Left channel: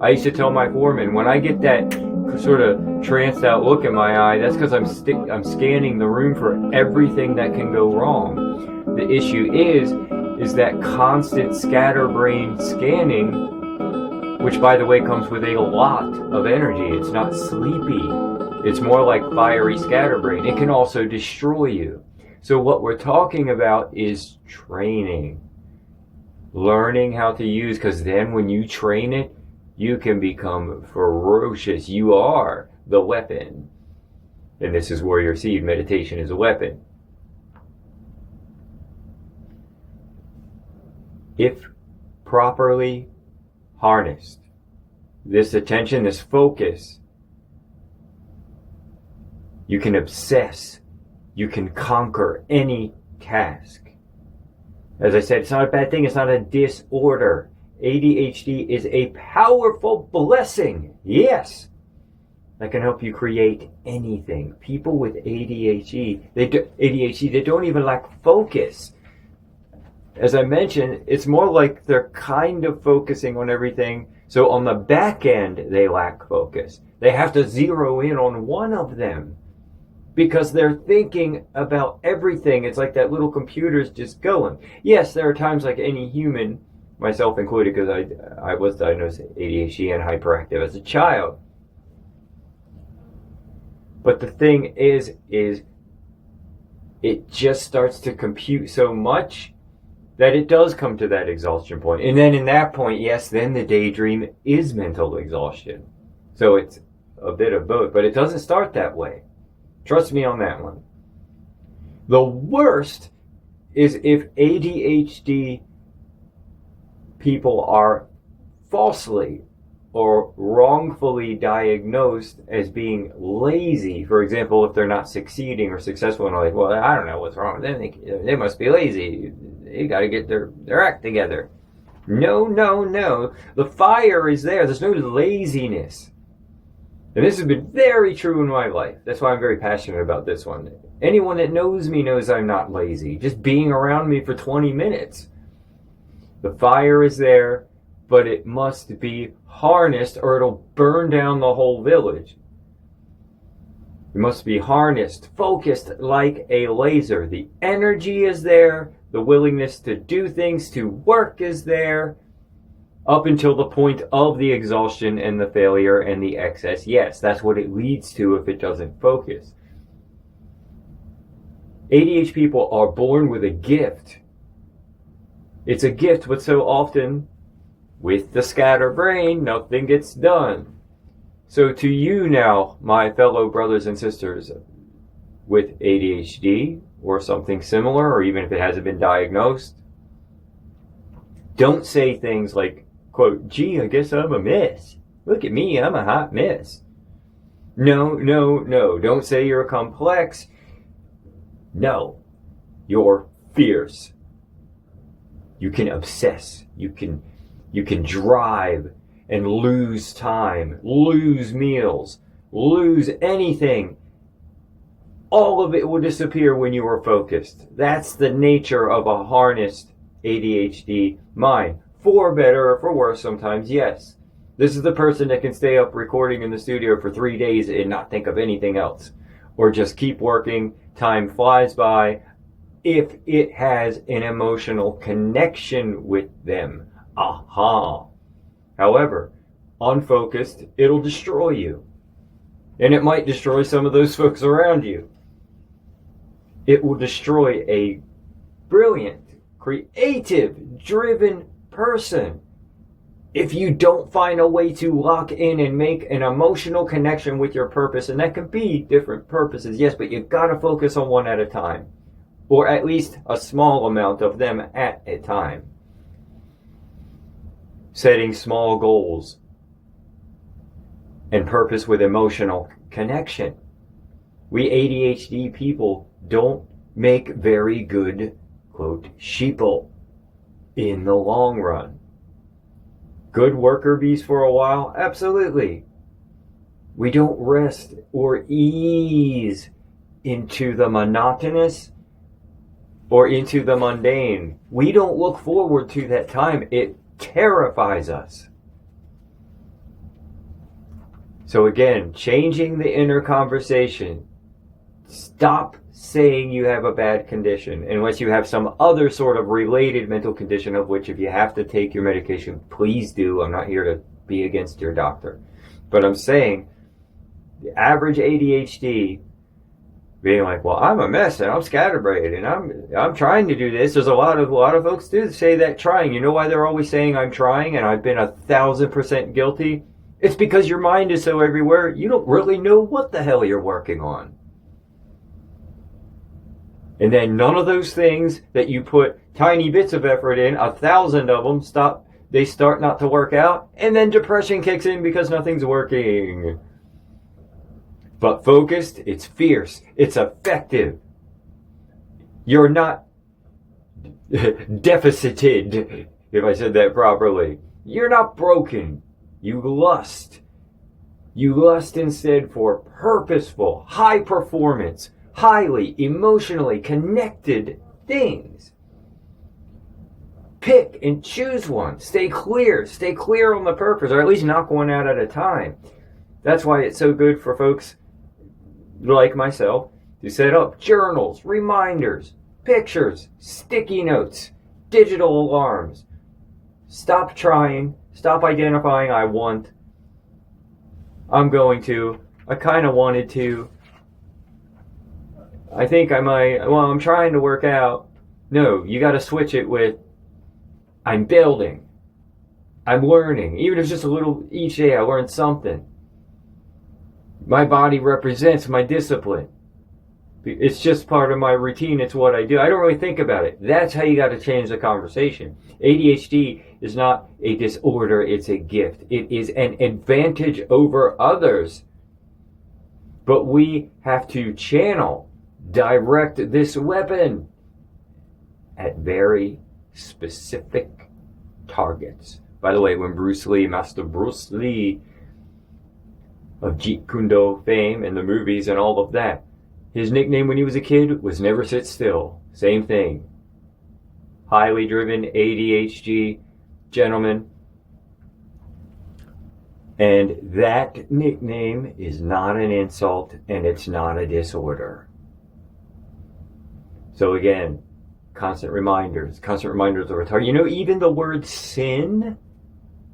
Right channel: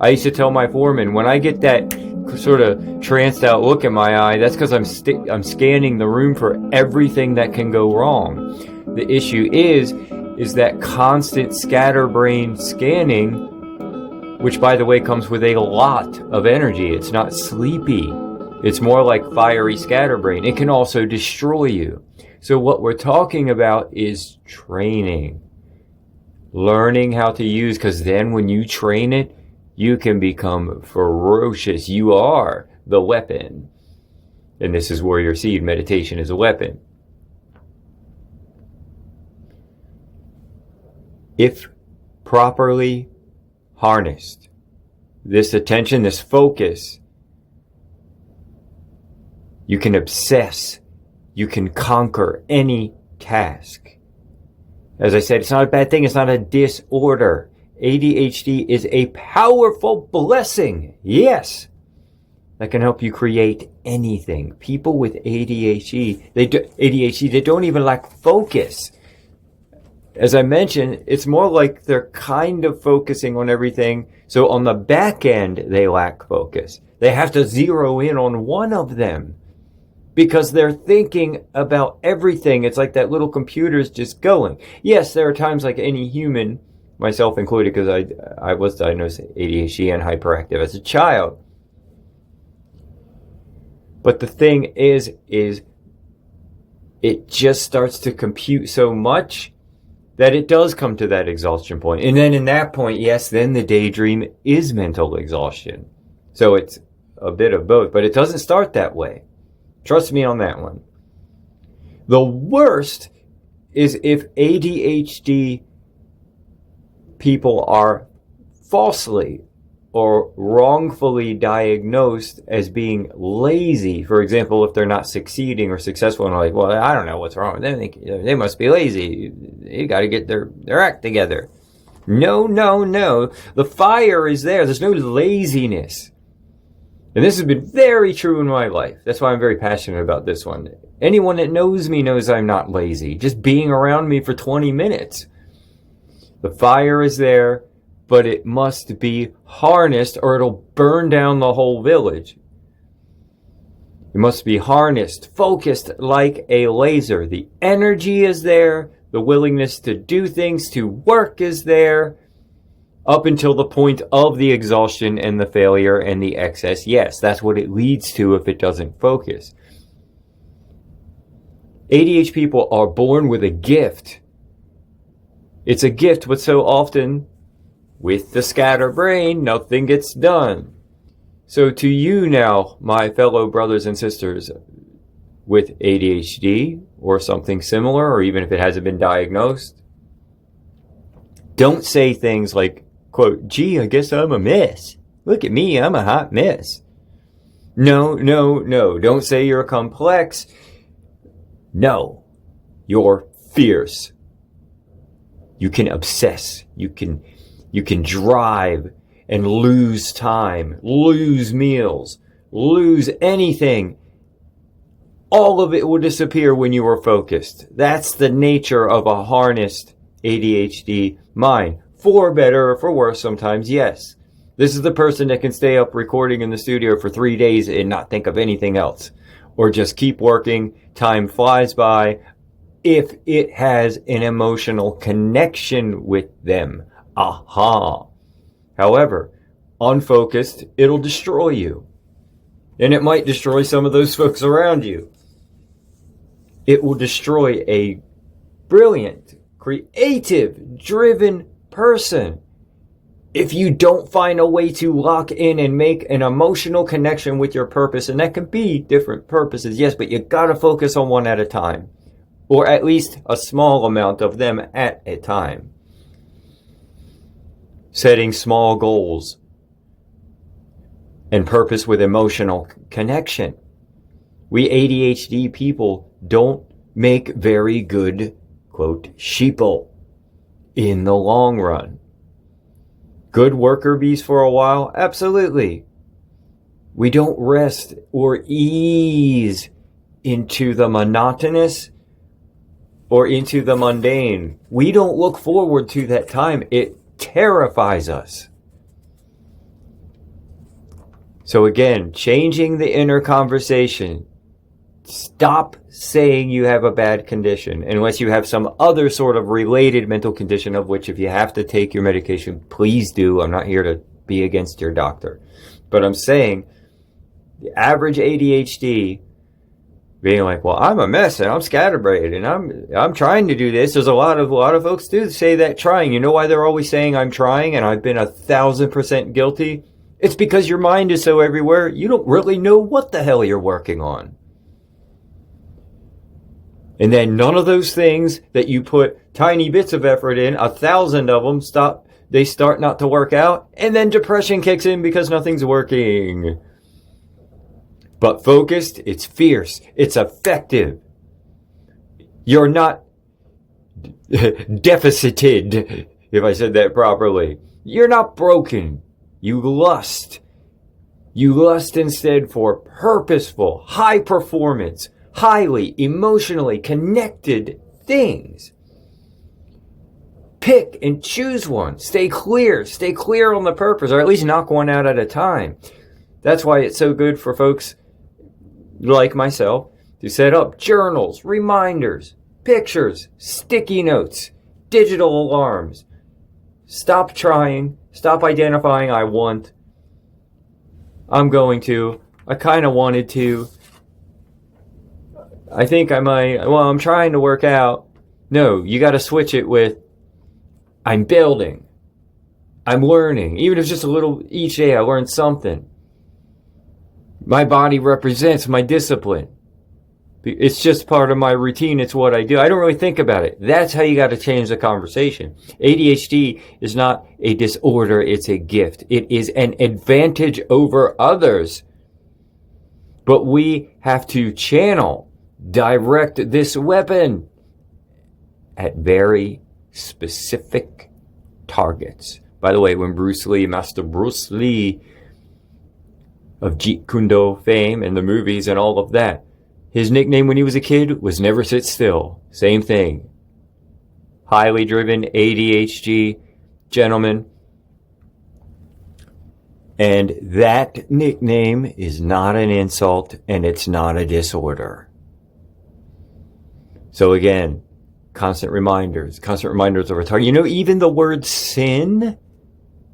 I used to tell my foreman, when I get that sort of tranced out look in my eye, that's because I'm scanning the room for everything that can go wrong. The issue is that constant scatterbrain scanning, which by the way comes with a lot of energy. It's not sleepy. It's more like fiery scatterbrain. It can also destroy you. So what we're talking about is training. Learning how to use, because then when you train it, you can become ferocious. You are the weapon. And this is Warrior Seed. Meditation is a weapon. If properly harnessed, this attention, this focus, you can obsess, you can conquer any task. As I said, it's not a bad thing, it's not a disorder. ADHD is a powerful blessing, yes, that can help you create anything. People with ADHD, they don't even lack focus. As I mentioned, it's more like they're kind of focusing on everything. So on the back end, they lack focus. They have to zero in on one of them because they're thinking about everything. It's like that little computer's just going. Yes, there are times like any human, myself included, because I was diagnosed with ADHD and hyperactive as a child. But the thing is it just starts to compute so much that it does come to that exhaustion point. And then in that point, yes, then the daydream is mental exhaustion. So it's a bit of both, but it doesn't start that way. Trust me on that one. The worst is if ADHD people are falsely or wrongfully diagnosed as being lazy. For example, if they're not succeeding or successful and like, well, I don't know what's wrong with them. They must be lazy. They got to get their act together. No. The fire is there. There's no laziness. And this has been very true in my life. That's why I'm very passionate about this one. Anyone that knows me knows I'm not lazy. Just being around me for 20 minutes. The fire is there, but it must be harnessed or it'll burn down the whole village. It must be harnessed, focused like a laser. The energy is there. The willingness to do things, to work is there. Up until the point of the exhaustion and the failure and the excess. Yes, that's what it leads to if it doesn't focus. ADHD people are born with a gift. It's a gift, but so often, with the scatterbrain, nothing gets done. So to you now, my fellow brothers and sisters with ADHD or something similar, or even if it hasn't been diagnosed, don't say things like, quote, gee, I guess I'm a mess. Look at me, I'm a hot mess. No. Don't say you're complex. No, you're fierce. You can obsess. You can drive and lose time, lose meals, lose anything. All of it will disappear when you are focused. That's the nature of a harnessed ADHD mind. For better or for worse sometimes, yes. This is the person that can stay up recording in the studio for 3 days and not think of anything else. Or just keep working. Time flies by if it has an emotional connection with them. Aha. However, unfocused, it'll destroy you. And it might destroy some of those folks around you. It will destroy a brilliant, creative, driven person if you don't find a way to lock in and make an emotional connection with your purpose. And that can be different purposes, yes, but you gotta focus on one at a time. Or at least a small amount of them at a time. Setting small goals and purpose with emotional connection. We ADHD people don't make very good, quote, sheeple in the long run. Good worker bees for a while? Absolutely. We don't rest or ease into the monotonous or into the mundane. We don't look forward to that time. It terrifies us. So again, changing the inner conversation. Stop saying you have a bad condition unless you have some other sort of related mental condition, of which if you have to take your medication, please do. I'm not here to be against your doctor. But I'm saying the average ADHD being like, well, I'm a mess and I'm scatterbrained and I'm trying to do this. There's a lot of folks do say that trying. You know why they're always saying I'm trying, and I've been 1,000% guilty? It's because your mind is so everywhere, you don't really know what the hell you're working on. And then none of those things that you put tiny bits of effort in, 1,000 of them, they start not to work out, and then depression kicks in because nothing's working. But focused, it's fierce, it's effective. You're not deficited, if I said that properly. You're not broken. You lust. You lust instead for purposeful, high performance, highly emotionally connected things. Pick and choose one. Stay clear on the purpose, or at least knock one out at a time. That's why it's so good for folks like myself to set up journals, reminders, pictures, sticky notes, digital alarms. Stop trying, stop identifying I'm going to, I kind of wanted to, I think I might, I'm trying to work out. No, you got to switch it with, I'm building, I'm learning. Even if it's just a little, each day I learn something. My body represents my discipline. It's just part of my routine. It's what I do. I don't really think about it. That's how you got to change the conversation. ADHD is not a disorder. It's a gift. It is an advantage over others. But we have to direct this weapon at very specific targets. By the way, when Master Bruce Lee of Jeet Kune Do fame and the movies and all of that, his nickname when he was a kid was Never Sit Still. Same thing. Highly driven ADHD gentleman. And that nickname is not an insult, and it's not a disorder. So again, constant reminders of a target. You know, even the word sin,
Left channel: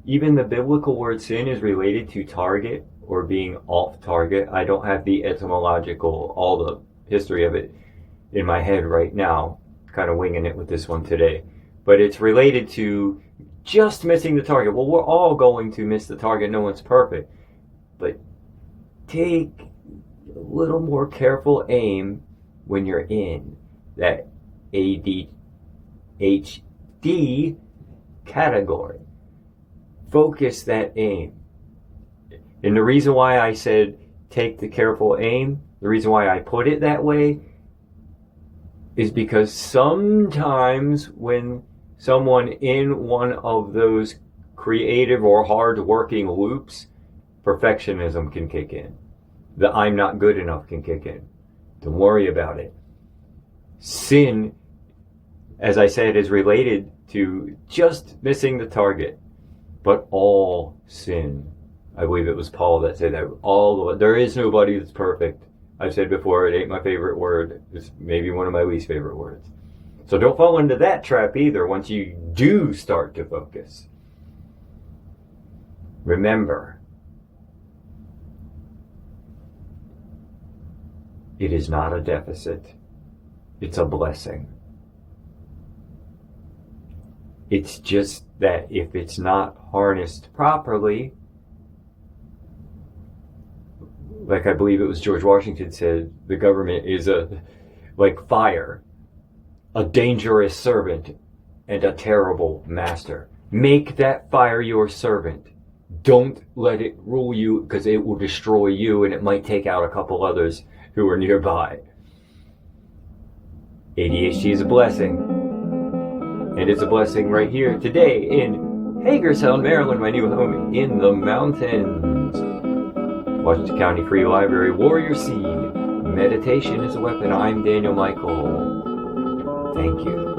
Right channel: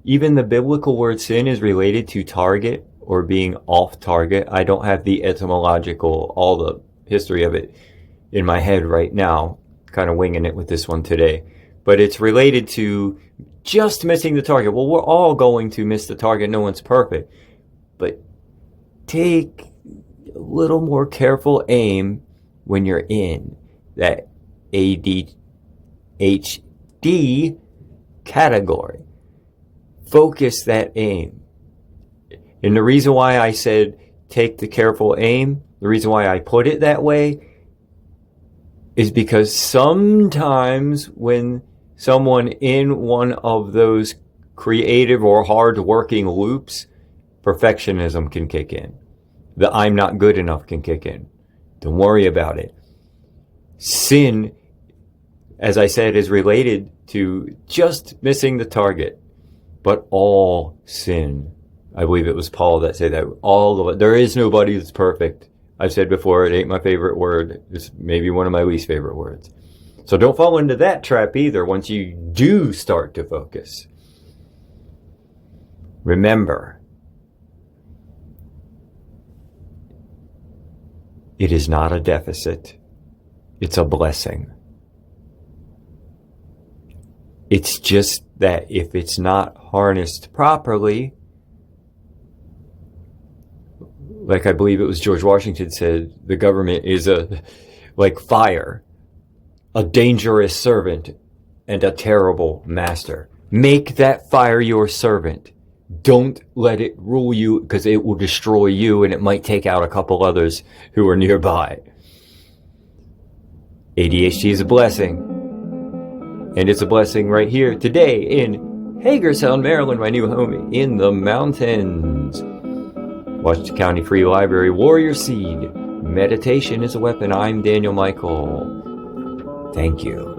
even the biblical word sin is related to target or being off target. I don't have the etymological, all the history of it in my head right now, kind of winging it with this one today. But it's related to just missing the target. Well, we're all going to miss the target. No one's perfect. But take a little more careful aim when you're in that ADHD category. Focus that aim. And the reason why I said take the careful aim, the reason why I put it that way, is because sometimes when someone in one of those creative or hard-working loops, perfectionism can kick in. The I'm not good enough can kick in. Don't worry about it. Sin, as I said, is related to just missing the target. But all sin, I believe it was Paul that said that, there is nobody that's perfect. I've said before, it ain't my favorite word. It's maybe one of my least favorite words. So don't fall into that trap either once you do start to focus. Remember, it is not a deficit. It's a blessing. It's just that if it's not harnessed properly, like I believe it was George Washington said, the government is like fire, a dangerous servant and a terrible master. Make that fire your servant. Don't let it rule you, because it will destroy you and it might take out a couple others who are nearby. ADHD is a blessing. And it's a blessing right here today in Hagerstown, Maryland, my new home in the mountains. Washington County Free Library, Warrior Seed. Meditation is a weapon. I'm Daniel Michael. Thank you.